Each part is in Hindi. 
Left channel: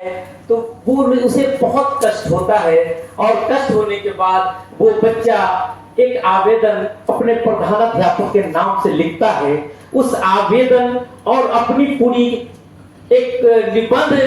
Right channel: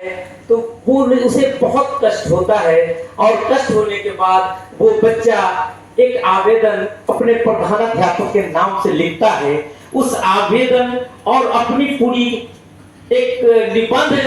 तो वो उसे बहुत कष्ट होता है और कष्ट होने के बाद वो बच्चा एक आवेदन अपने प्रधानाध्यापक के नाम से लिखता है। उस आवेदन और अपनी पूरी एक निबंध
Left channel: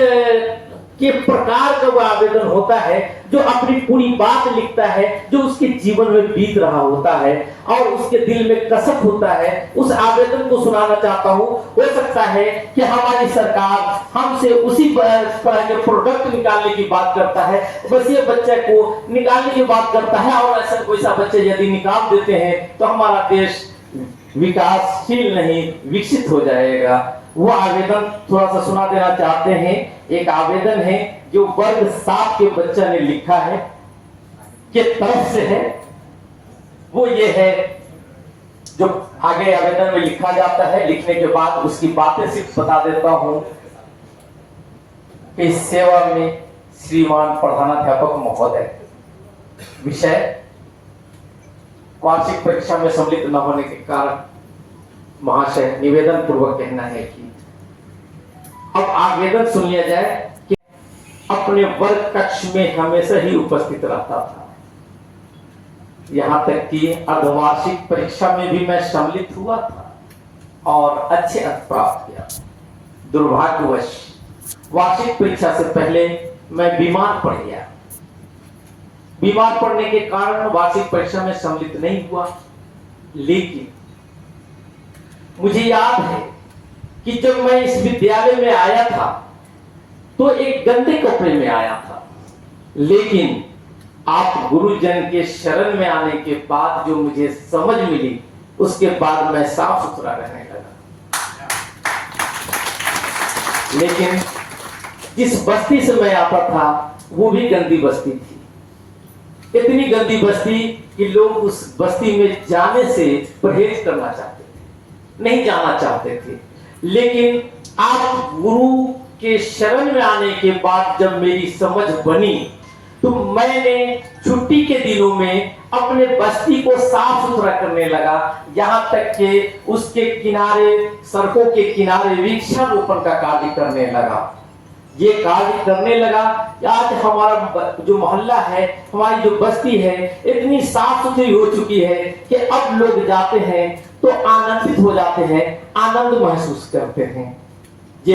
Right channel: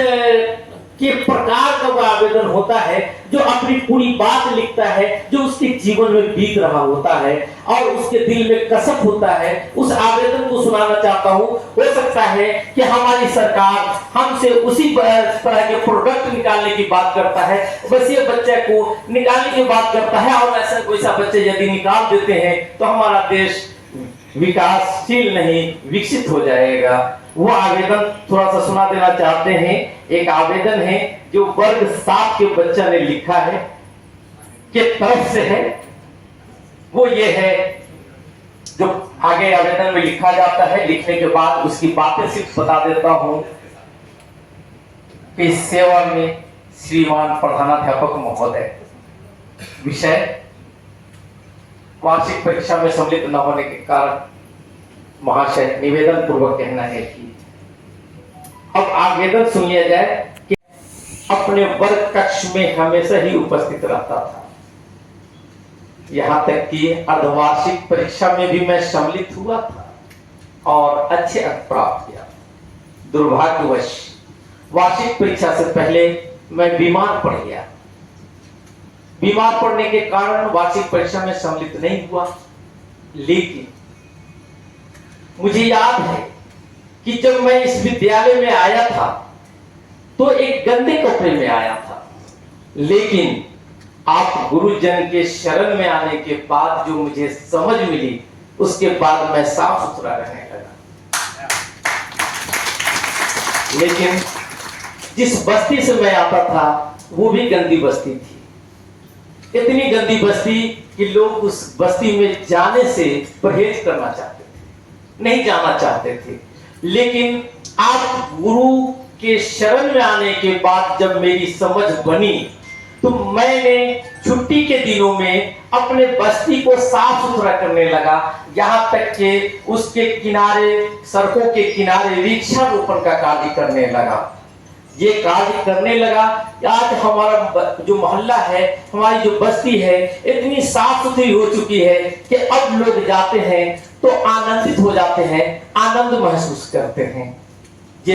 के प्रकार का वो आवेदन होता है, जो अपनी पूरी बात लिखता है, जो उसके जीवन में बीत रहा होता है और उसके दिल में कसक होता है। उस आवेदन को सुनाना चाहता हूँ। हो सकता है कि हमारी सरकार हमसे उसी तरह के प्रोडक्ट निकालने की बात करता है, वैसे बच्चे को निकालने की बात करता है, और ऐसा कोई सा बच्चे यदि निकाल देते हैं तो हमारा देश विकासशील नहीं, विकसित हो जाएगा। वो आवेदन थोड़ा सा सुना देना चाहते हैं। एक आवेदन है जो वर्ग 7 के बच्चा ने लिखा है, के तरफ से है। वो ये है जो आगे आवेदन में लिखा जाता है। लिखने के बाद उसकी बातें सिर्फ बता देता हूं कि सेवा में श्रीमान प्रधानाध्यापक महोदय, विषय वार्षिक परीक्षा में सम्मिलित न होने के कारण महाशय निवेदन पूर्वक कहना है कि अब आवेदन सुन लिया जाए कि अपने वर्ग कक्ष में हमेशा ही उपस्थित रहता था, यहां तक कि अर्धवार्षिक परीक्षा में भी मैं सम्मिलित हुआ था और अच्छे अंक प्राप्त किया। दुर्भाग्यवश वार्षिक परीक्षा से पहले मैं बीमार पड़ गया। बीमार पड़ने के कारण वार्षिक परीक्षा में सम्मिलित नहीं हुआ। लेकिन मुझे याद है कि जब मैं इस विद्यालय में आया था तो एक गंदे कपड़े में आया था, लेकिन आप गुरुजन के शरण में आने के बाद जो मुझे समझ मिली, उसके बाद मैं साफ सुथरा रहने लगा। लेकिन जिस बस्ती से मैं आता था वो भी गंदी बस्ती थी। इतनी गंदी बस्ती कि लोग उस बस्ती में जाने से परहेज करना चाहते थे, नहीं जाना चाहते थे। लेकिन आप गुरु के शरण में आने के बाद जब मेरी समझ बनी तो मैंने छुट्टी के दिनों में अपने बस्ती को साफ सुथरा करने लगा। यहां तक कि उसके किनारे, सड़कों के किनारे वृक्षारोपण का कार्य करने लगा। ये कार्य करने लगा। आज हमारा जो मोहल्ला है, हमारी जो बस्ती है, इतनी साफ सुथरी हो चुकी है कि अब लोग जाते हैं तो आनंदित हो जाते हैं, आनंद महसूस करते हैं। ये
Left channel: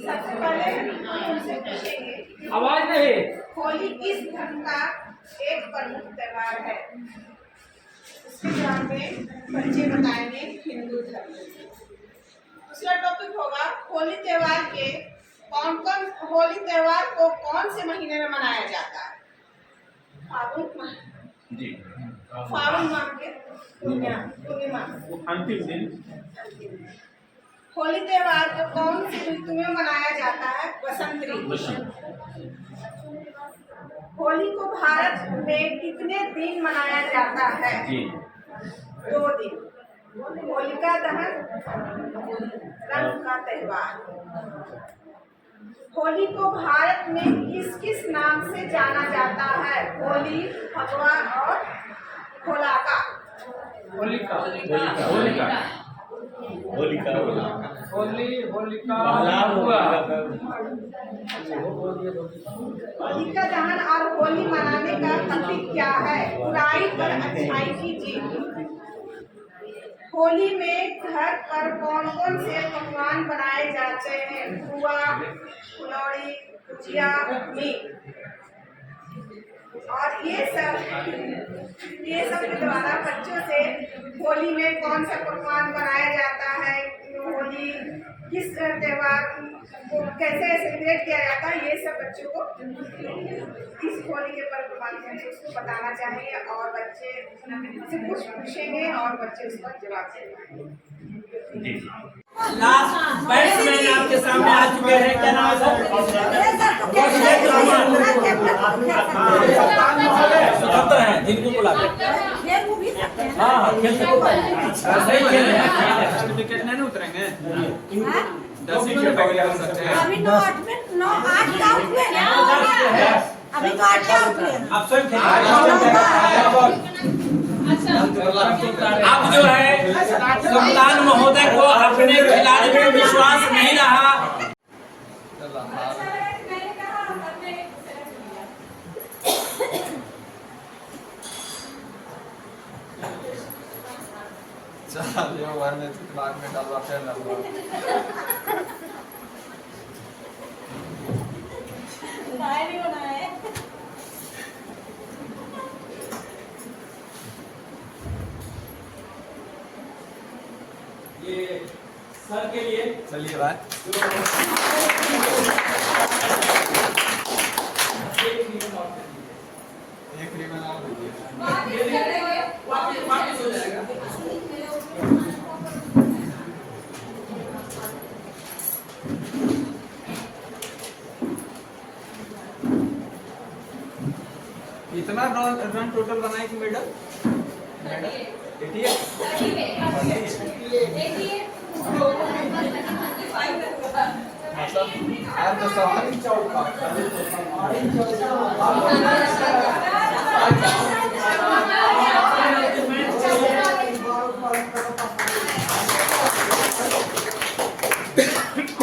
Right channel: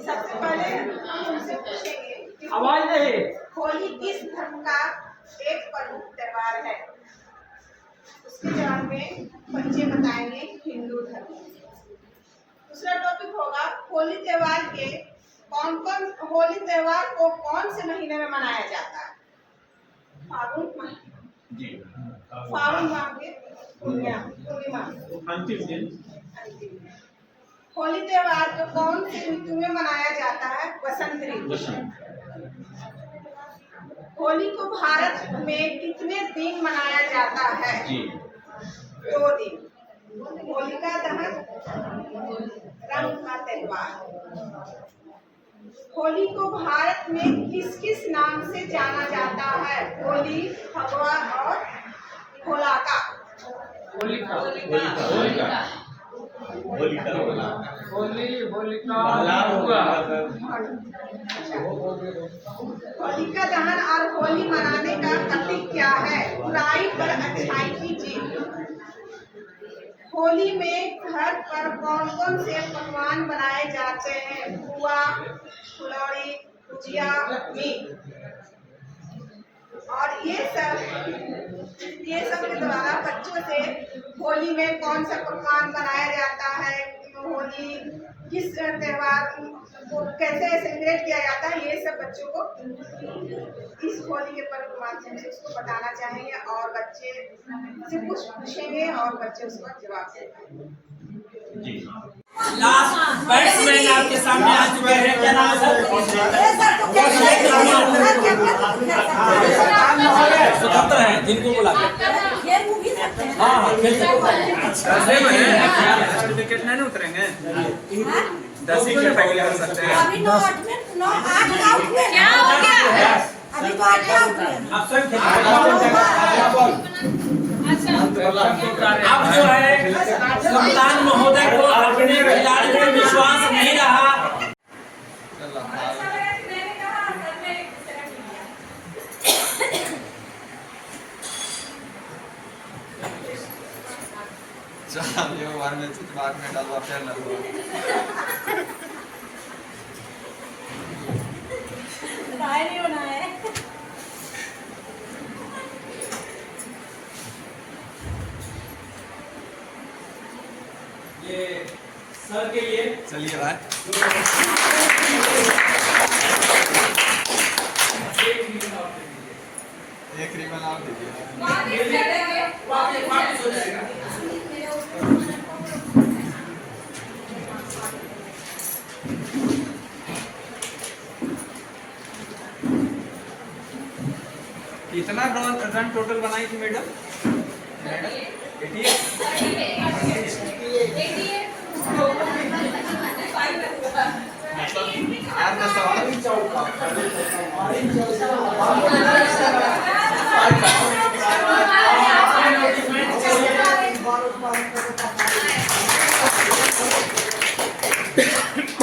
सबसे पहले हम उनसे पूछेंगे आवाज नहीं। होली किस धर्म का एक प्रमुख त्योहार है। उसके जवाब में बच्चे बताएंगे हिंदू धर्म। दूसरा टॉपिक होगा होली त्योहार को कौन से महीने में मनाया जाता है। फागुन माह के पूर्णिमा अंतिम दिन। होली त्योहार को कौन सी ऋतु में मनाया जाता है। बसंत ऋतु। होली को भारत में कितने दिन मनाया जाता है। 2 दिन। होलिका दहन रंग का त्योहार। होली को भारत में किस किस नाम से जाना जाता है। होली, फगवा और होलिका। होलिका दहन और होली मनाने का प्रतीक क्या है। बुराई पर अच्छाई की जीत। होली में घर पर कौन कौन से पकवान बनाए जाते हैं। पुआ, फुलौड़ी, गुजिया, मीट। और ये सब के द्वारा बच्चों से होली में कौन सा पकवान बनाया जाता है, होली किस त्योहार को कैसे सेलिब्रेट किया जाता है, ये सब बच्चों को इस होली के पर्व के माध्यम से उसको बताना चाहेंगे और बच्चे से कुछ पूछेंगे और बच्चे उसका जवाब दे पाएंगे। लास्ट बैट्समैन आपके सामने आ चुके हैं, क्या नाम है सर? स्वतंत्र हैं, जिनको बुलाते हैं। हाँ खेल सकते हैं। सही खेल रहे हैं। विकेट नहीं उतरेंगे, 10 विकेट कर सकते हैं। अभी 9-8 में 9-8 आउट हुए, क्या हो गया? अभी तो 8 आउट हुए। आप स्वयं अब जो है कप्तान महोदय को अपने खिलाड़ी में विश्वास नहीं रहा। ये ओवर में दिमाग में डालवा फिर डालवा नहीं होना है। ये सर के लिए चलिए भाई एक रिबन आप दीजिए। वापस हो जाएगा। कितना रन टोटल बनाई थी मैडम?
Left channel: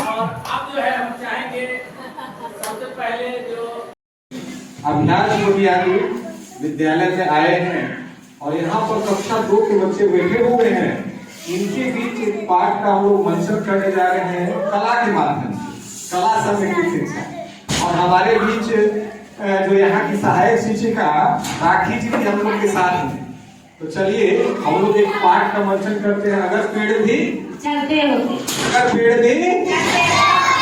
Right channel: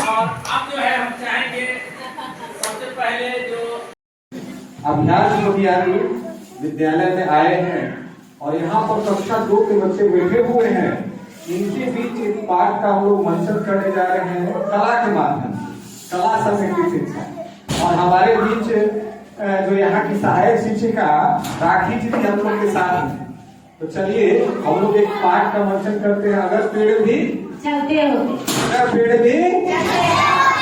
और अब जो है हम चाहेंगे सबसे पहले जो अभिलाष मोतियारी विद्यालय से आए हैं और यहाँ पर कक्षा 2 के बच्चे बैठे हुए हैं। इनके बीच एक पाठ का हम लोग मंचन करने जा रहे हैं कला के माध्यम से, कला संस्कृति शिक्षा। और हमारे बीच जो यहाँ की सहायक शिक्षिका राखी जी भी हम लोग के साथ हैं। तो चलिए हम लोग एक पाठ का मंचन करते हैं। अगर पेड़ भी चलते होते, अगर पेड़ भी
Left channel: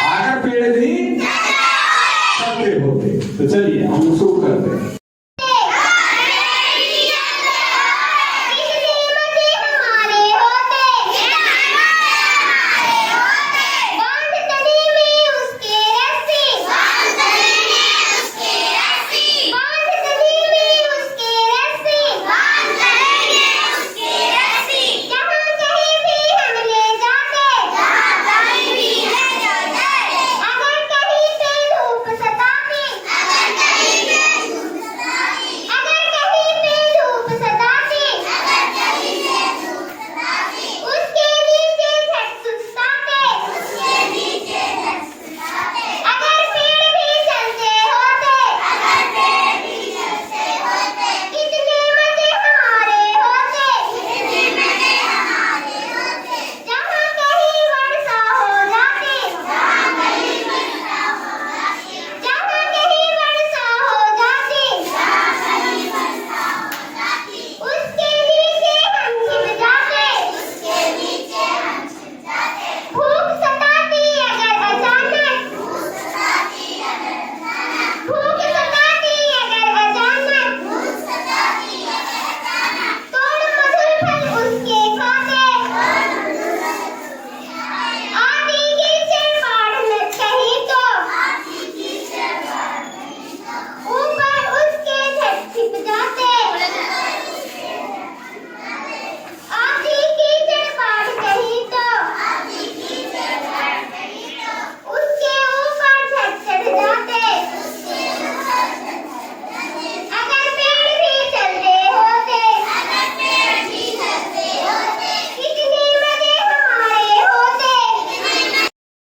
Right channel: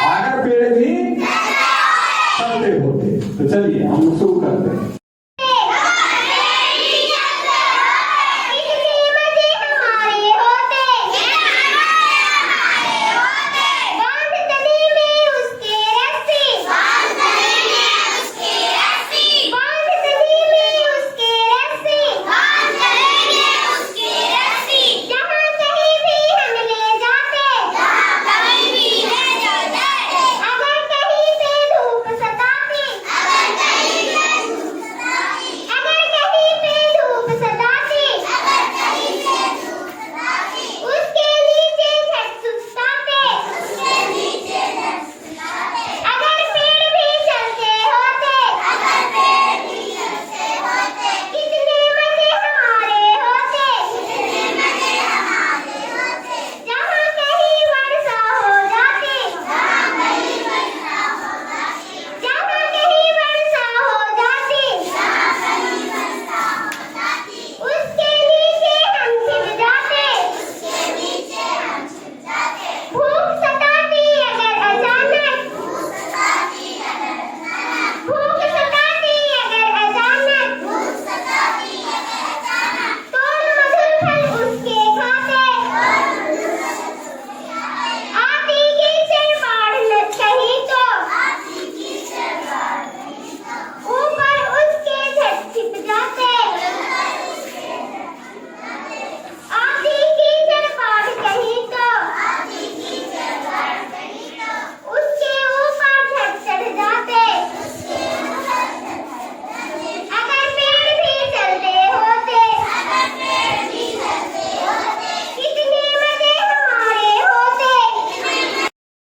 अगर पेड़ भी चलते होते। तो चलिए हम लोग शुरू करते हैं।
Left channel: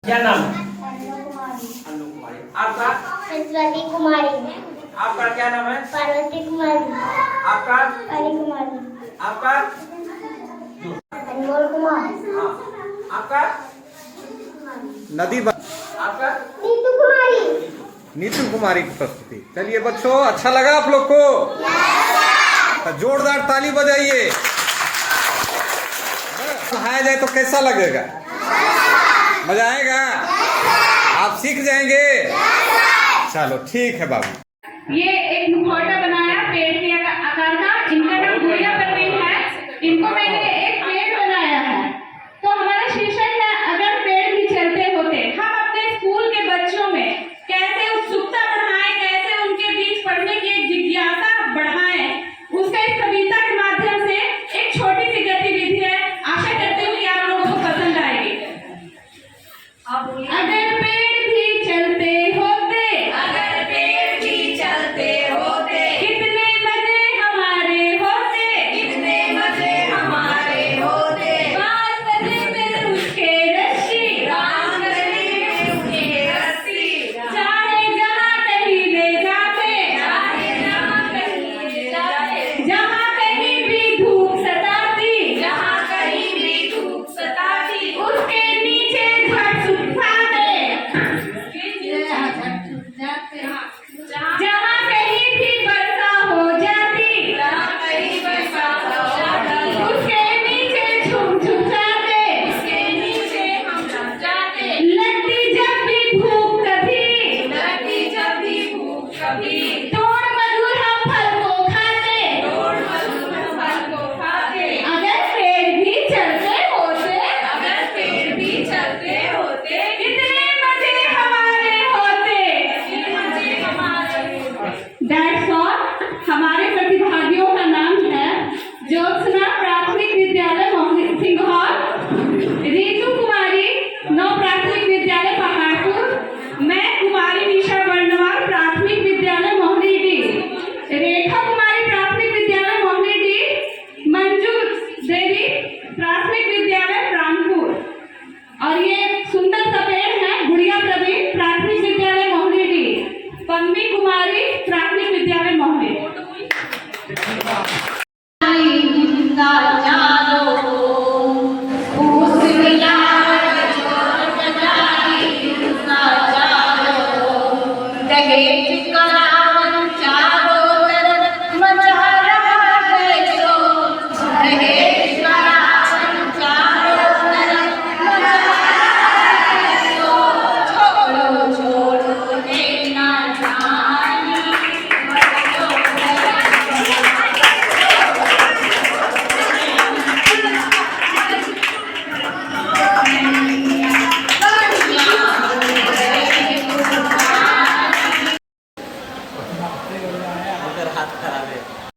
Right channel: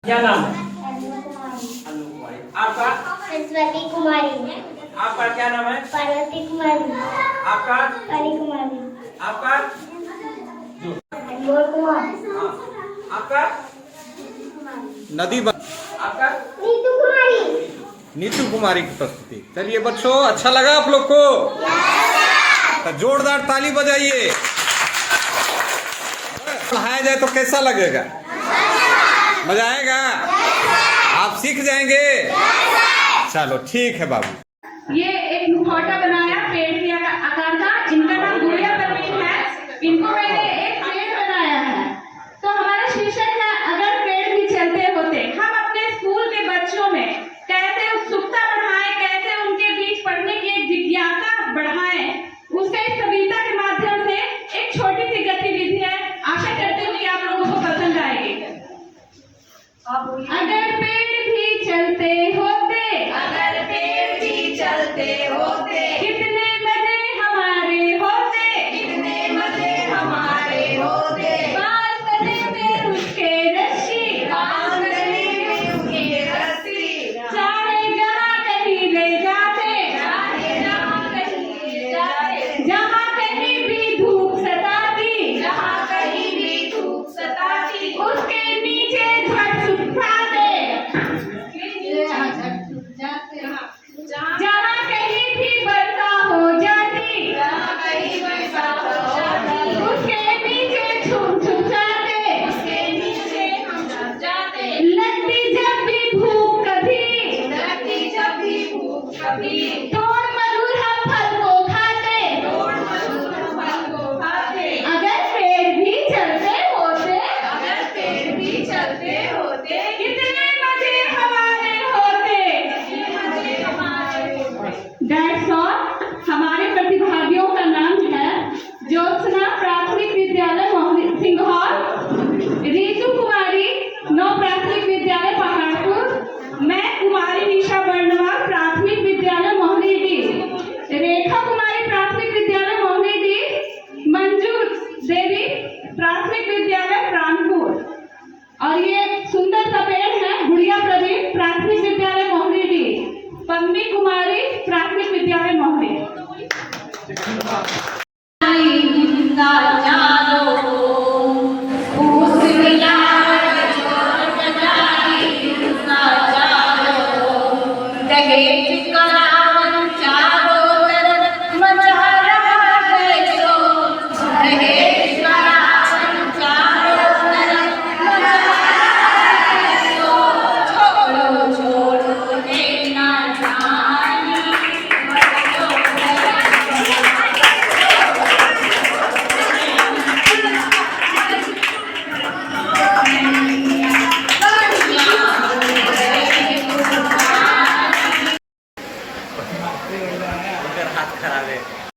क्या नाम है? अनु कुमारी। आपका? सरस्वती कुमारी। आपका क्या नाम है? पार्वती कुमारी। आपका? परी कुमारी। आपका? अनमोल कुमार। हाँ। आपका? नदी आपका? नीतू कुमारी। नीतू कुमारी की प्रस्तुति। चलिए बच्चों, अच्छा लगा आप लोग को? तो जोरदार ताली बजाइए। पढ़ाया जाए तो कैसा लगेगा? मजा आएगा? आप सीख जाएंगे? चलो ठीक है बाबू। ये एक मुखौटा बनाया पेड़ के आकार का, इनका नाम गुड़िया परवीन है। इनको मैंने एक पेड़ बनाया है। तो हमारे शीर्षक